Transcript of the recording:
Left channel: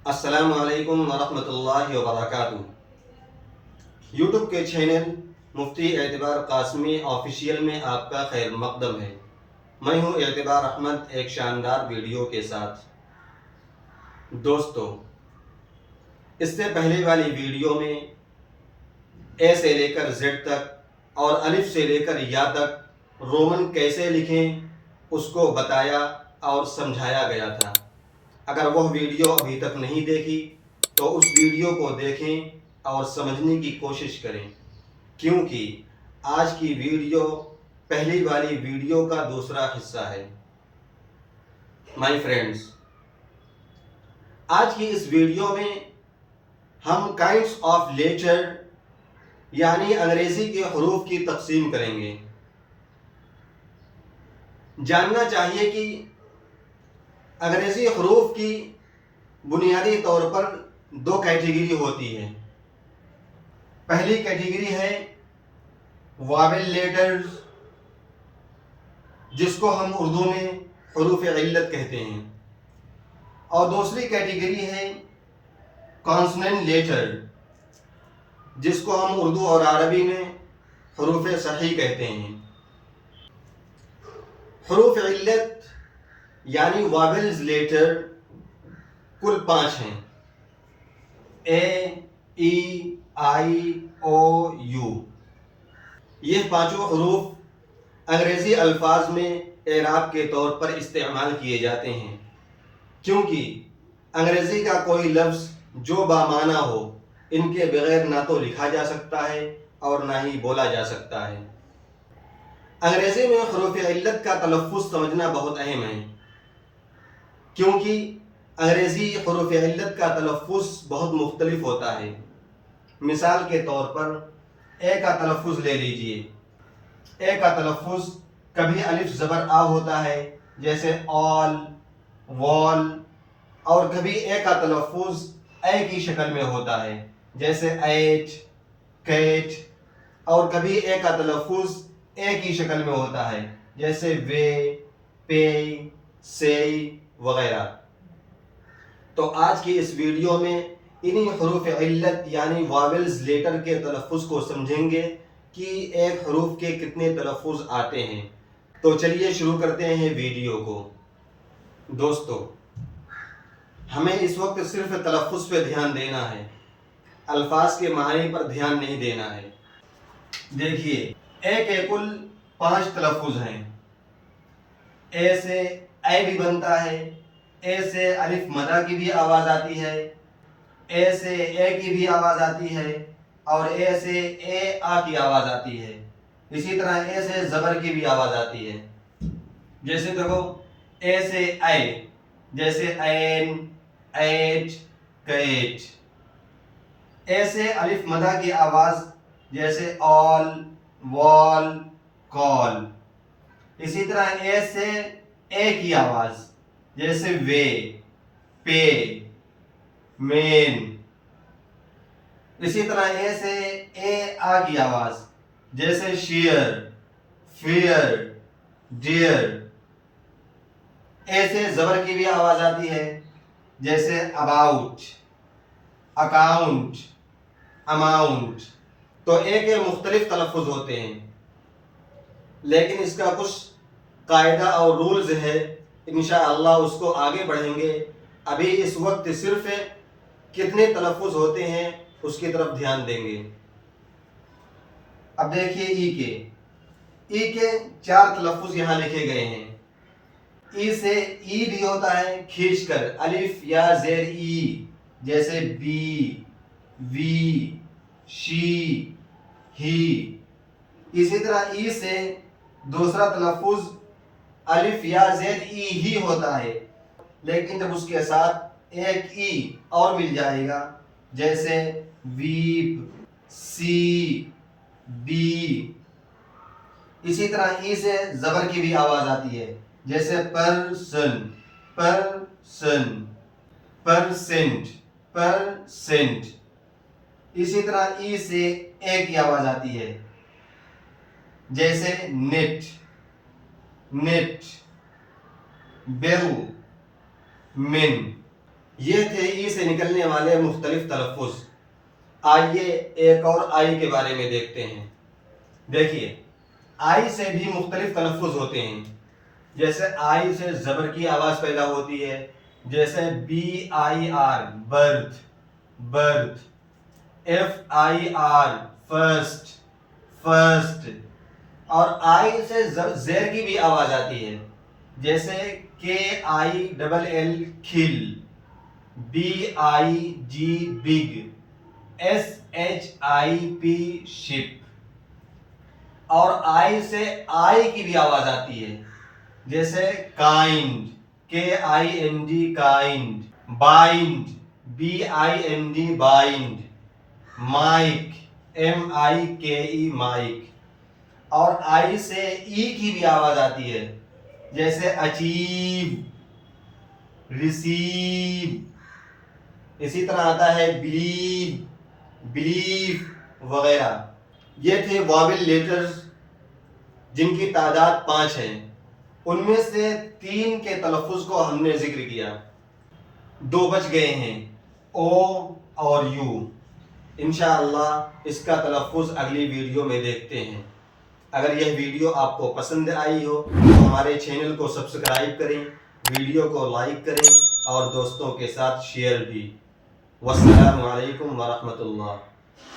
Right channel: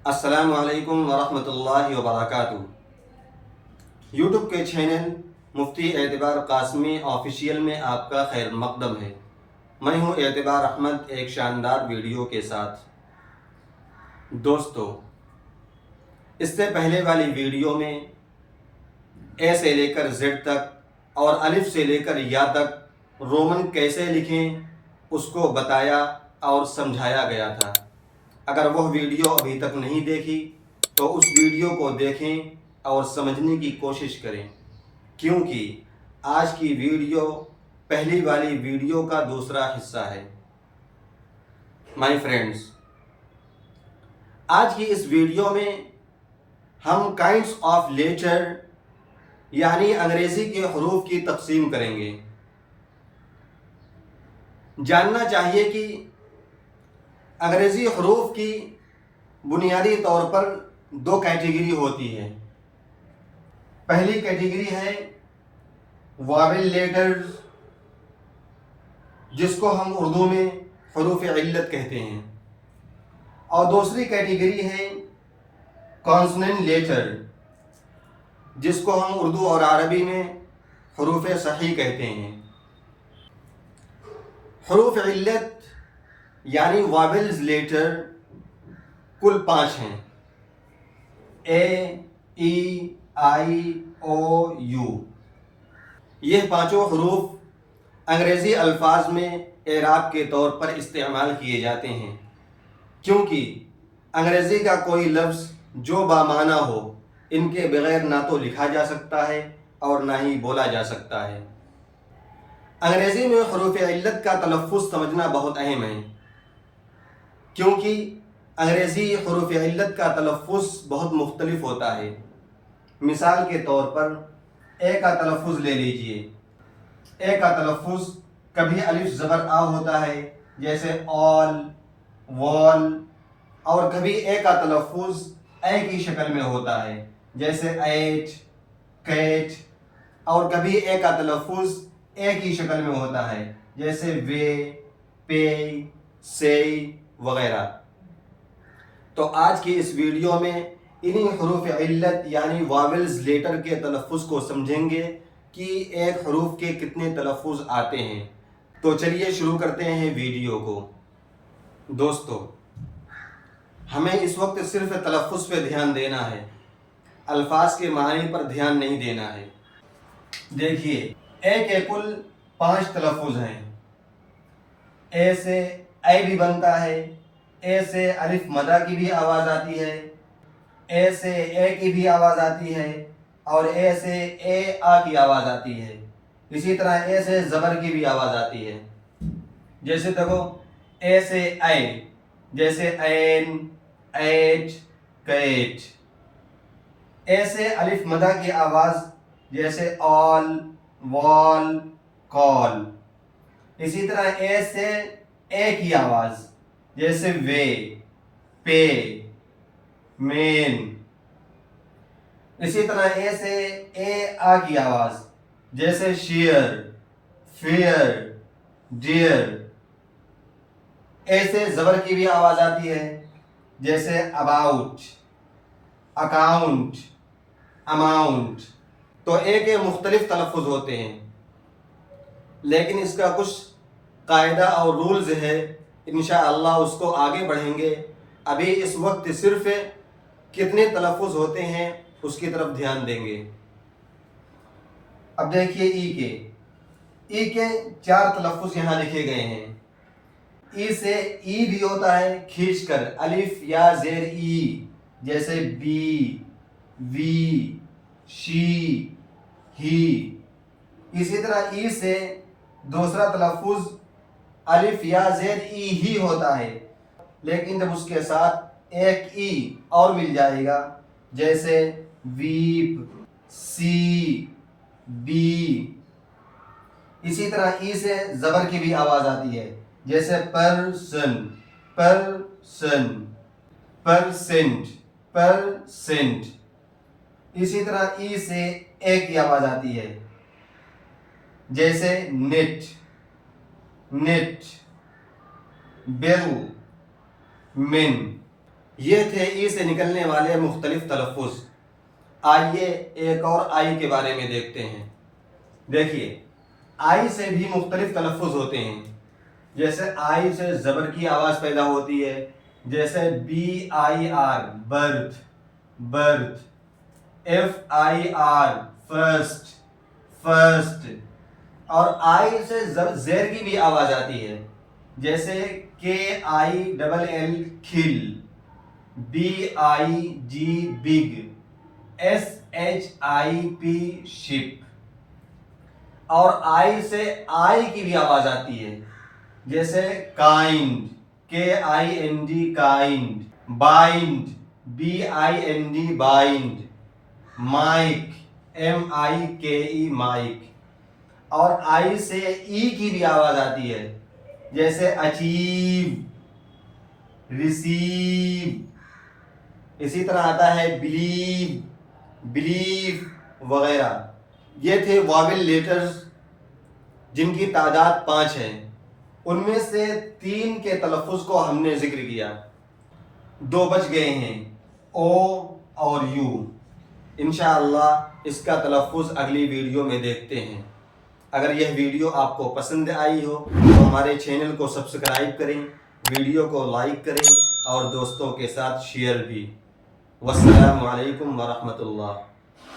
السلام علیکم ورحمۃ اللہ وبرکاتہ۔ یوٹیوب کے چینل مفتی اعتبار قاسمی آفیشیل میں آپ کا خیر مقدم ہے۔ میں ہوں اعتبار احمد ایک شاندار ویڈیو کے ساتھ۔ دوستو، اس سے پہلے والی ویڈیو میں اے سے لے کر زیڈ تک اور الف سے لے کر یا تک رومن کیسے لکھیں اس کو بتایا اور سمجھایا گیا تھا۔ اگر وہ ویڈیو ابھی تک نہیں دیکھی تو اس ویڈیو کو دیکھیں اور سمجھنے کی کوشش کریں، کیونکہ آج کی ویڈیو پہلی والی ویڈیو کا دوسرا حصہ ہے۔ مائی فرینڈز، آج کی اس ویڈیو میں ہم کائنڈس آف لیٹر یعنی انگریزی کے حروف کی تقسیم کریں گے۔ جاننا چاہیے کہ انگریزی حروف کی بنیادی طور پر دو کیٹیگری ہوتی ہے۔ پہلی کیٹیگری ہے واویل لیٹرز، جس کو ہم اردو میں حروف علت کہتے ہیں، اور دوسری کیٹیگری ہے کانسوننٹ لیٹر، جس کو ہم اردو اور عربی میں حروف صحیح کہتے ہیں۔ حروف علت یعنی واویلز لیٹر کل 5 ہیں: اے، ای، آئی، او، یو۔ یہ پانچوں حروف انگریزی الفاظ میں اعراب کے طور پر استعمال کیے جاتے ہیں، کیونکہ انگریزی کا کوئی لفظ جو بامعنی ہو ان کے بغیر نہ تو لکھا جا سکتا ہے اور نہ ہی بولا جا سکتا ہے۔ انگریزی میں حروف علت کا تلفظ سمجھنا بہت اہم ہے، کیونکہ انگریزی حروف علت کا تلفظ بہت مختلف ہوتا ہے۔ مثال کے طور پر اے کا تلفظ لے لیجئے۔ اے کا تلفظ کبھی الف زبر آ ہوتا ہے جیسے آل، وال، اور کبھی اے کا تلفظ اے کی شکل میں ہوتا ہے جیسے ایٹ، کیٹ، اور کبھی اے کا تلفظ اے کی شکل میں ہوتا ہے جیسے وے، پے، سے وغیرہ۔ تو آج کی اس ویڈیو میں انہی حروف علت یعنی واویلز لیٹر کے تلفظ کو سمجھیں گے کہ ایک حروف کے کتنے تلفظ آتے ہیں۔ تو چلیے شروع کرتے ہیں ویڈیو کو۔ دوستو، ہمیں اس وقت صرف تلفظ پہ دھیان دینا ہے، الفاظ کے معنی پر دھیان نہیں دینا ہے۔ دیکھیے، اے کے کل 5 تلفظ ہیں۔ اے سے اے بھی بنتا ہے، اے سے الف مدہ کی بھی آواز آتی ہے، اے سے اے کی بھی آواز آتی ہے، اور اے سے اے آ کی آواز آتی ہے۔ اسی طرح اے سے زبر کی بھی آواز آتی ہے، جیسے دیکھو اے سے اے، جیسے این، ایٹ، کیٹ۔ اے سے الف مدہ کی آواز جیسے آل، وال، کال۔ اسی طرح اے سے اے کی آواز جیسے وے، پے، مین۔ اسی طرح اے سے اے آ کی آواز جیسے شیئر، فیئر، ڈیئر۔ اے سے زبر کی بھی آواز آتی ہے جیسے اباؤٹ، اکاؤنٹ، اماؤنٹ۔ تو اے کے مختلف تلفظ ہوتے ہیں، لیکن اس کا کچھ قاعدہ اور رولز ہے، انشاءاللہ اس کو آگے بڑھیں گے۔ ابھی اس وقت صرف کتنے تلفظ ہوتے ہیں اس کی طرف دھیان دیں گے۔ اب دیکھیے ای کے 4 تلفظ یہاں لکھے گئے ہیں۔ ای سے ای بھی ہوتا ہے کھینچ کر، الف یا زیر ای، جیسے بی، وی، شی، ہی۔ اسی طرح ای سے دوسرا تلفظ الف یا زیر ای ہی ہوتا ہے، لیکن جب اس کے ساتھ ایک ای اور مل جائے گا جیسے ویپ، سی، بی۔ اسی طرح ای سے زبر کی بھی آواز آتی ہے جیسے پرسن، پرسن، پرسنٹ، پرسنٹ۔ اسی طرح ای سے اے کی آواز آتی ہے جیسے نیٹ، نیٹ، بل، من۔ یہ تھے ای سے نکلنے والے مختلف تلفظ۔ آئیے ایک اور آئی کے بارے میں دیکھتے ہیں۔ دیکھیے آئی سے بھی مختلف تلفظ ہوتے ہیں، جیسے آئی سے زبر کی آواز پیدا ہوتی ہے، جیسے BIR birth, birth, FIR first, first, اور آئی سے زیر کی بھی آواز آتی ہے، جیسے KILL کھل، BIG بگ، SHIP شپ، اور آئی سے آئی کی بھی آواز آتی ہے، جیسے kind, KIND kind, bind, BIND bind, mike, MIKE mike, اور آئی سے ای کی بھی آواز آتی ہے، جیسے اچیو، ریسیو، اسی طرح آتا ہے بلیو، بلیف وغیرہ۔ یہ تھے واویل لیٹرز جن کی تعداد 5 ہے، ان میں سے 3 کے تلفظ کو ہم نے ذکر کیا، 2 بچ گئے ہیں، او اور یو۔ انشاءاللہ اس کا تلفظ اگلی ویڈیو میں دیکھتے ہیں۔ اگر یہ ویڈیو آپ کو پسند آئی ہو تو ہمارے چینل کو سبسکرائب کریں، ویڈیو کو لائک کریں اور دوستوں کے ساتھ شیئر بھی۔ والسلام علیکم ورحمۃ اللہ۔